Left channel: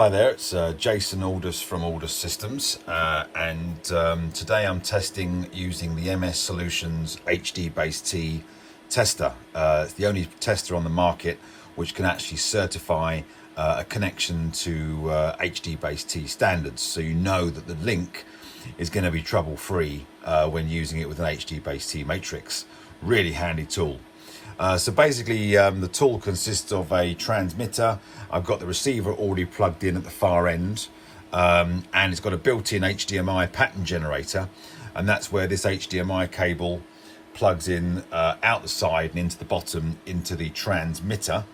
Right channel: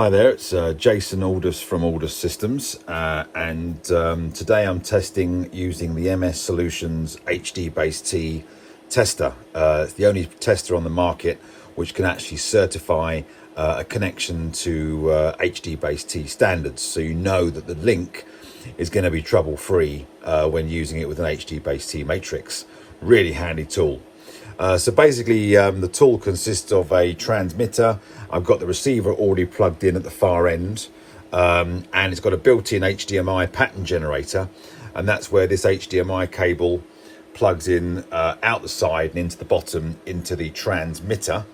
Hi there, it's Jason Aldous from Aldous Systems, and today I'm testing using the MSolutions HDBaseT tester. It's the only tester on the market which can actually certify a connection to HDBaseT standards, so you know that the link is going to be trouble-free when using it with an HDBaseT matrix. Really handy tool. So basically the tool consists of a transmitter. I've got the receiver already plugged in at the far end, and it's got a built-in HDMI pattern generator, and that's where this HDMI cable plugs in out the side and into the bottom into the transmitter.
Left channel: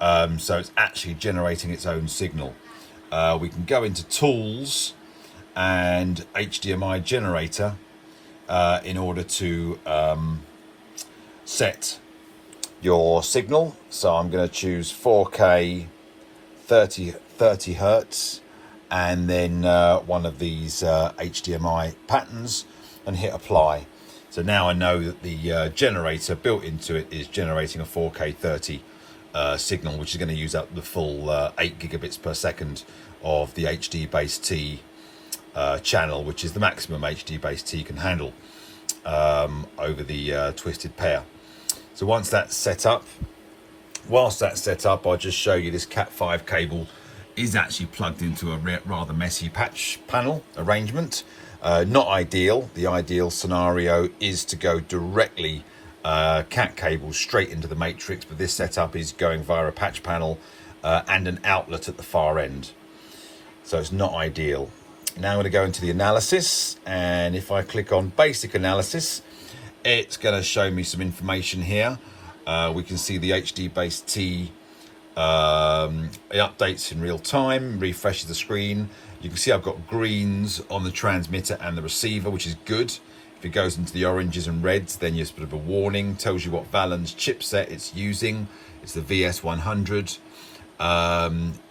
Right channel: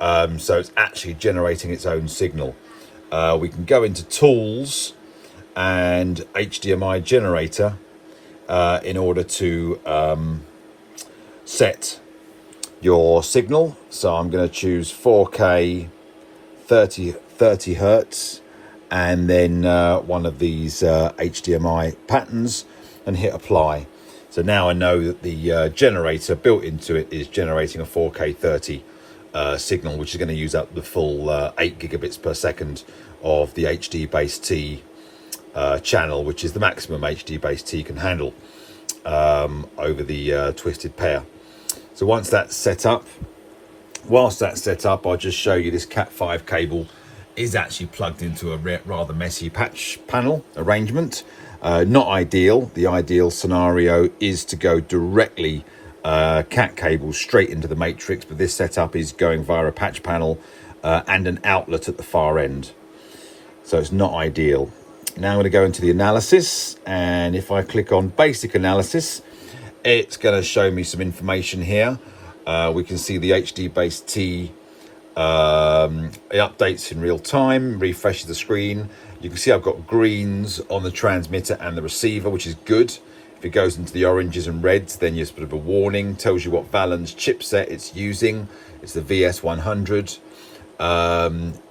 So it's actually generating its own signal. We can go into Tools and HDMI generator in order to set your signal. So I'm going to choose 4K 30 hertz and then one of these HDMI patterns and hit apply. So now I know that the generator built into it is generating a 4K 30 signal, which is going to use up the full 8 gigabits per second of the HDBaseT channel, which is the maximum HDBaseT can handle over the twisted pair. So once that's set up, whilst that's set up, I'll just show you this Cat5 cable is actually plugged into a rather messy patch panel arrangement. Not ideal. The ideal scenario is to go directly Cat cable straight into the matrix, but this setup is going via a patch panel and an outlet at the far end. So it's not ideal. Now I'm going to go into the analysis, and if I click on basic analysis, it's going to show me some information here. We can see the HDBaseT it updates in real time, refreshes the screen. You can see I've got greens on the transmitter and the receiver, which is good. If it goes into the oranges and reds, then you're sort of a warning. Tells you what Valens chipset it's using. It's the VS100.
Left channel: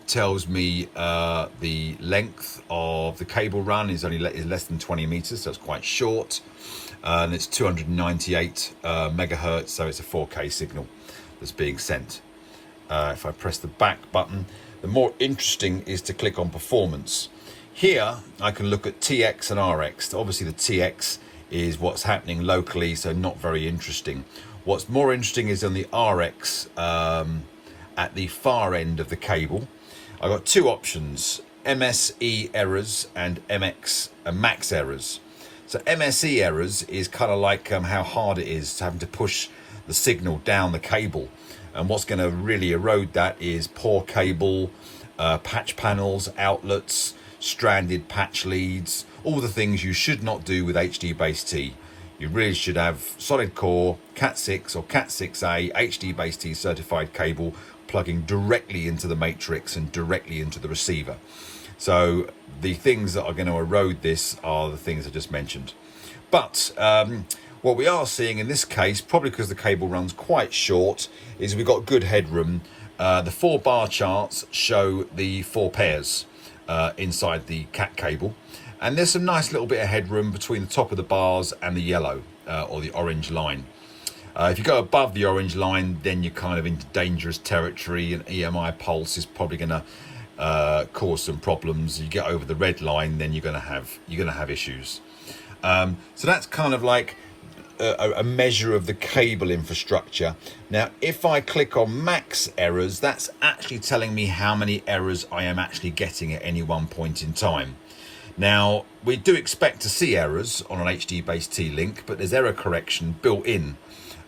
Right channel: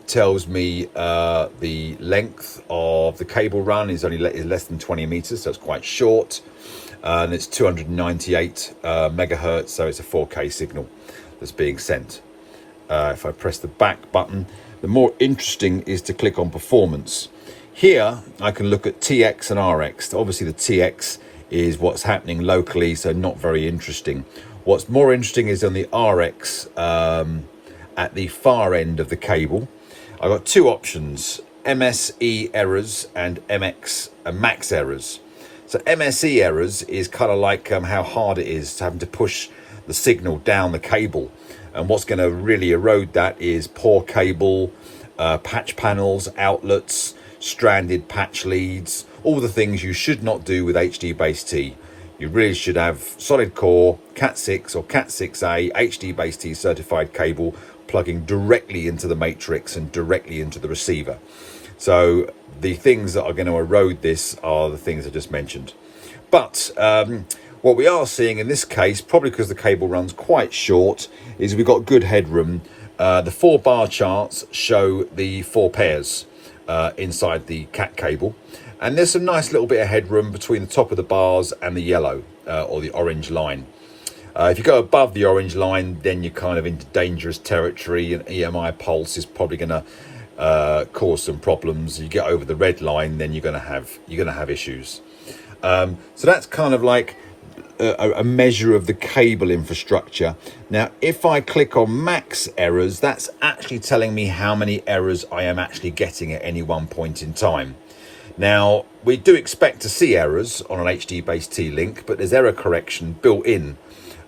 Tells me the length of the cable run is less than 20 meters, so it's quite short. And it's 298 megahertz, so it's a 4K signal that's being sent. If I press the back button, the more interesting is to click on performance. Here I can look at TX and RX. Obviously the TX is what's happening locally, so not very interesting. What's more interesting is on the RX at the far end of the cable. I've got two options: MSE errors and MX and max errors. So MSE errors is kind of like how hard it is having to push the signal down the cable. And what's going to really erode that is poor cable, patch panels, outlets, stranded patch leads, all the things you should not do with HDBaseT. You really should have solid core, Cat6 or Cat6A HDBaseT certified cable plugging directly into the matrix and directly into the receiver. So the things that are going to erode this are the things I just mentioned. But what we are seeing in this case, probably because the cable runs quite short, is we've got good headroom. The 4 bar charts show the 4 pairs inside the Cat cable. And there's some nice little bit of headroom between the top of the bars and the yellow or the orange line. If you go above the orange line, then you're kind of into dangerous territory, and EMI pulse is probably going to cause some problems. You get over the red line, then you're going to have issues. So that's kind of like a measure of the cable infrastructure. Now, if I click on max errors, that's actually telling me how many errors I am actually getting at any one point in time. Now, we do expect to see errors on an HDBaseT link, but there's error correction built in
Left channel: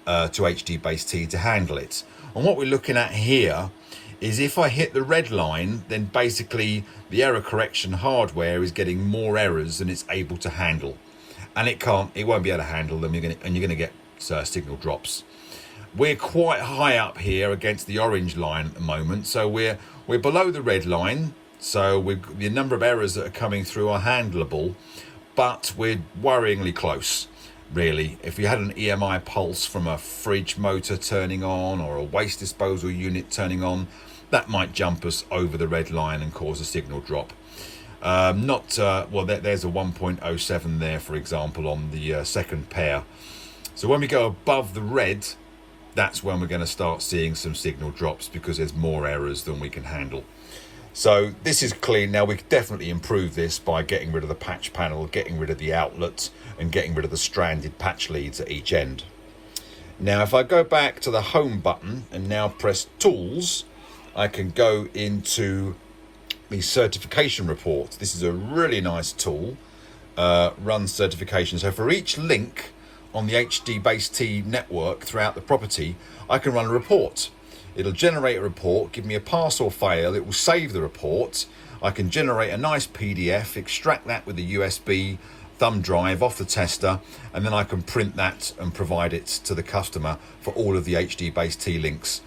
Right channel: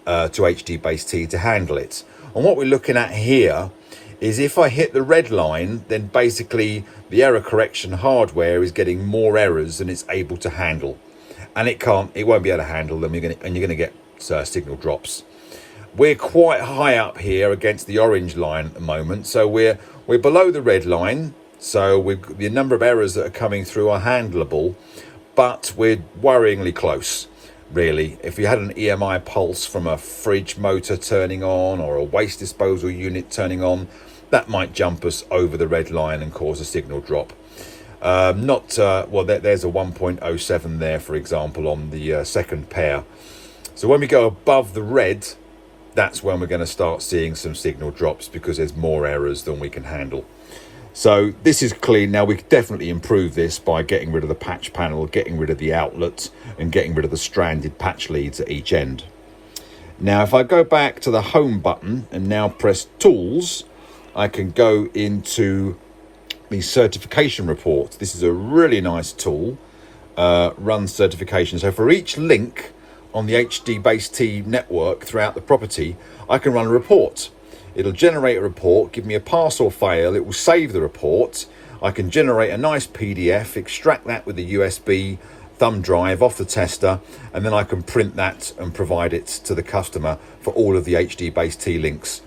to HDBaseT to handle it. And what we're looking at here is if I hit the red line, then basically the error correction hardware is getting more errors than it's able to handle, and it won't be able to handle them. You're going to get signal drops. We're quite high up here against the orange line at the moment, so we're below the red line. So the number of errors that are coming through are handleable, but we're worryingly close. Really, if you had an EMI pulse from a fridge motor turning on or a waste disposal unit turning on, that might jump us over the red line and cause a signal drop. There's a 1.07 there, for example, on the second pair. So when we go above the red, that's when we're going to start seeing some signal drops because there's more errors than we can handle. So this is clean. Now we could definitely improve this by getting rid of the patch panel, getting rid of the outlet, and getting rid of the stranded patch leads at each end. Now if I go back to the home button and now press tools, I can go into the certification report. This is a really nice tool, run certification. So for each link on the HDBaseT network throughout the property, I can run a report. It'll generate a report, give me a pass or fail. It will save the report. I can generate a nice PDF, extract that with a USB thumb drive off the tester, and then I can print that and provide it to the customer for all of the HDBaseT links.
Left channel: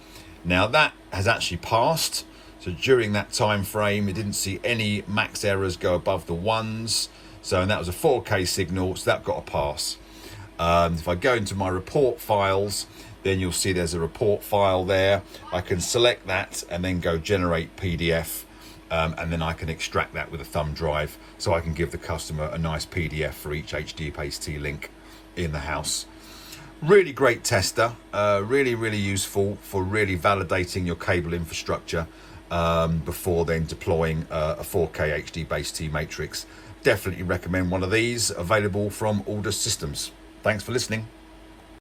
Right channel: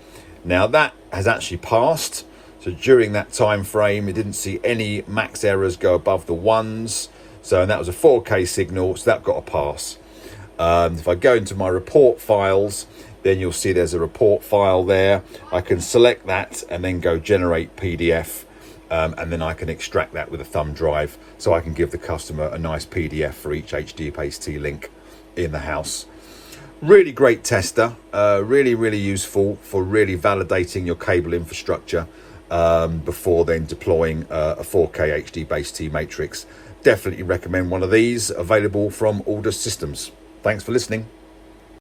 Now that has actually passed. So during that time frame, it didn't see any max errors go above the ones. So, and that was a 4K signal, so that got a pass. If I go into my report files, then you'll see there's a report file there. I can select that and then go generate PDF, and then I can extract that with a thumb drive, so I can give the customer a nice PDF for each HDBaseT link in the house. Really great tester, really useful for really validating your cable infrastructure before then deploying a 4K HDBaseT matrix. Definitely recommend one of these, available from Aldous Systems. Thanks for listening.